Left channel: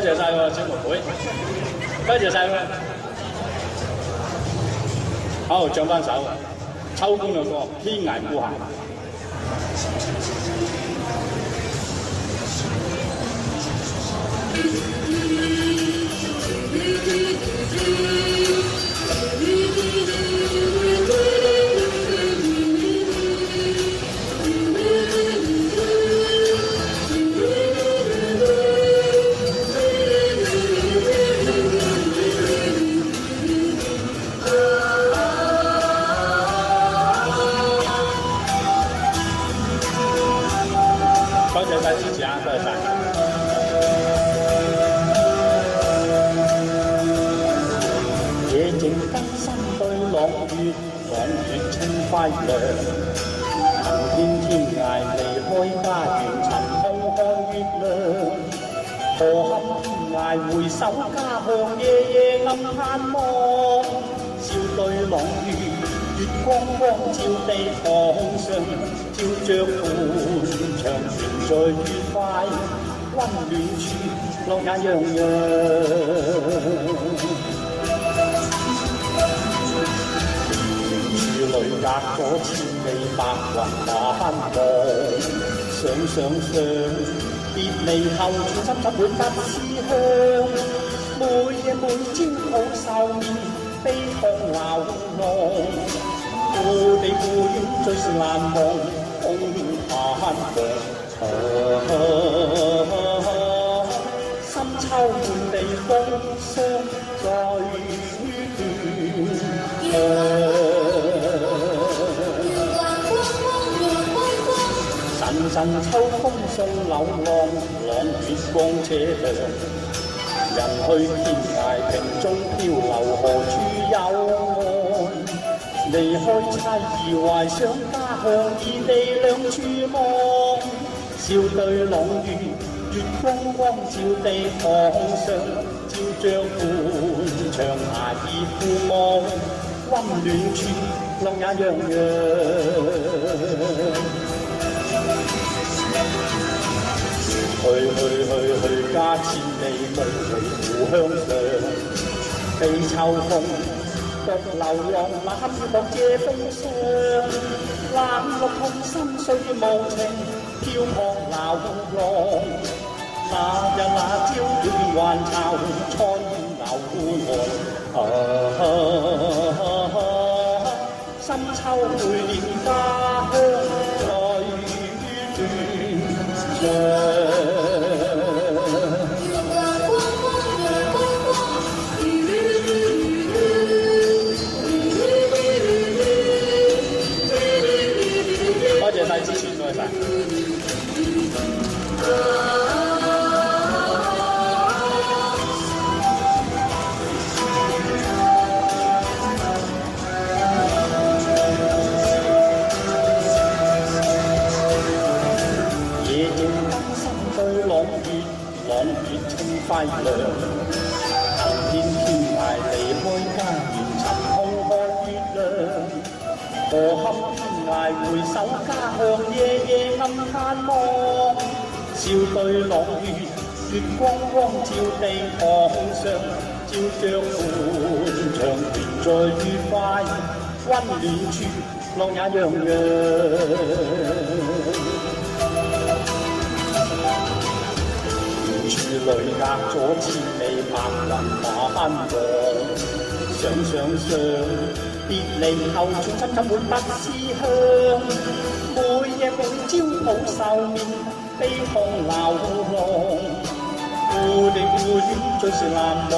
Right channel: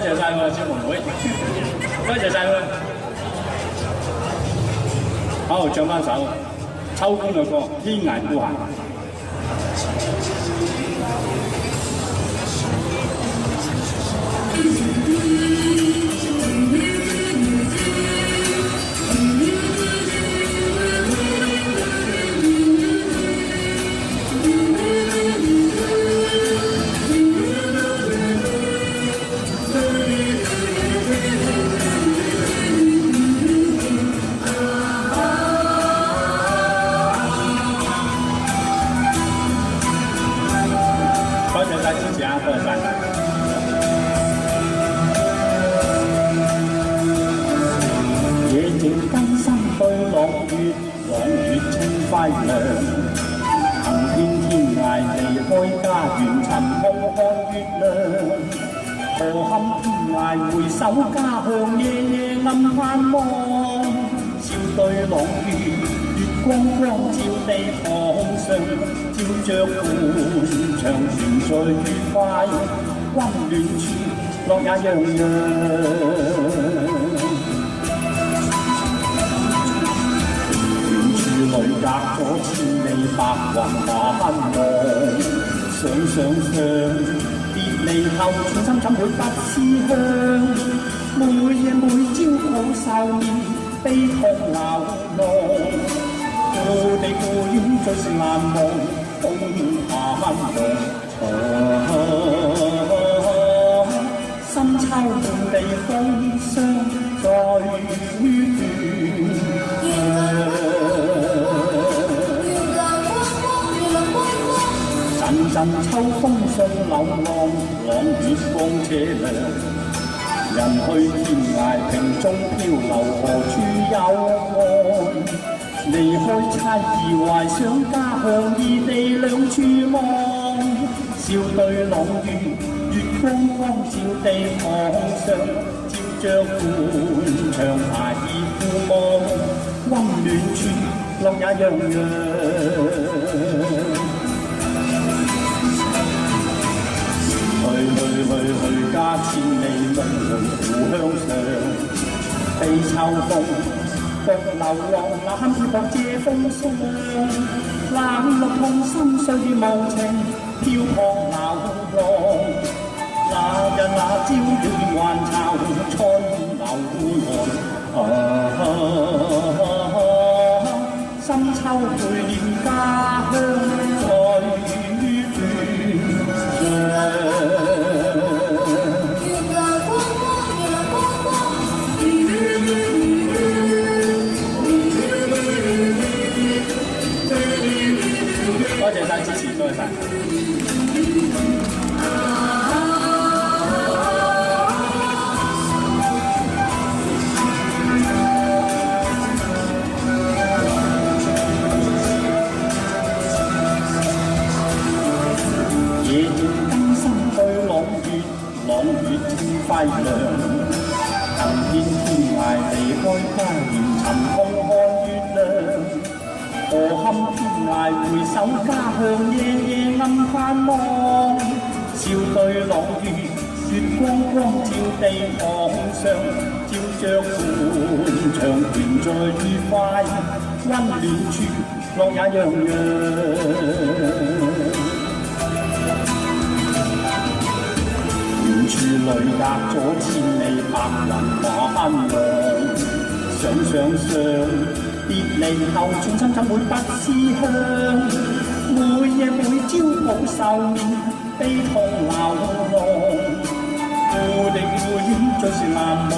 多謝晒喎，小妹妹，多謝晒喎。好，唱翻首秋官嘅歌《天涯孤行》。多謝晒支持啊，多謝晒。夜靜更新對朗月，朗月清輝亮。行遍天涯離開家園，尋夢看月亮。何堪天涯回首家鄉，夜夜暗盼望。笑對朗月，月光光照地堂上，照着歡暢團聚愉快，溫暖處樂也洋洋。遠處裏隔咗千里白雲晚望，想別離後寸心怎會不思鄉？每夜每朝抱愁面，悲痛流浪。故地故園最是難忘，空盼望。深秋滿地風霜在陣陣秋風送柳浪，朗月光車亮。人去天涯萍蹤漂流，何處有岸？離開妻兒懷想家鄉，異地兩處望。笑對朗月，月光光照地堂上，照着歡暢孩兒富望，溫暖處樂也洋洋。去家千里夢回故鄉上，悲秋風獨流浪，攬住薄借風霜。冷漠痛心歲月無情，飄泊流浪。那日那朝了便還巢，蒼流汗。深秋陪念家鄉在輝亮，行遍天涯離開家園，尋夢看月亮。何堪天涯回首家鄉，夜夜暗盼望。笑對朗月，月光光照地堂上，照着歡暢團聚愉快，溫暖處樂也洋洋。淚隔咗千里白雲晚望，想別離後寸心怎會不思鄉？每夜每朝抱愁面，悲痛流浪。故地故園最是難忘。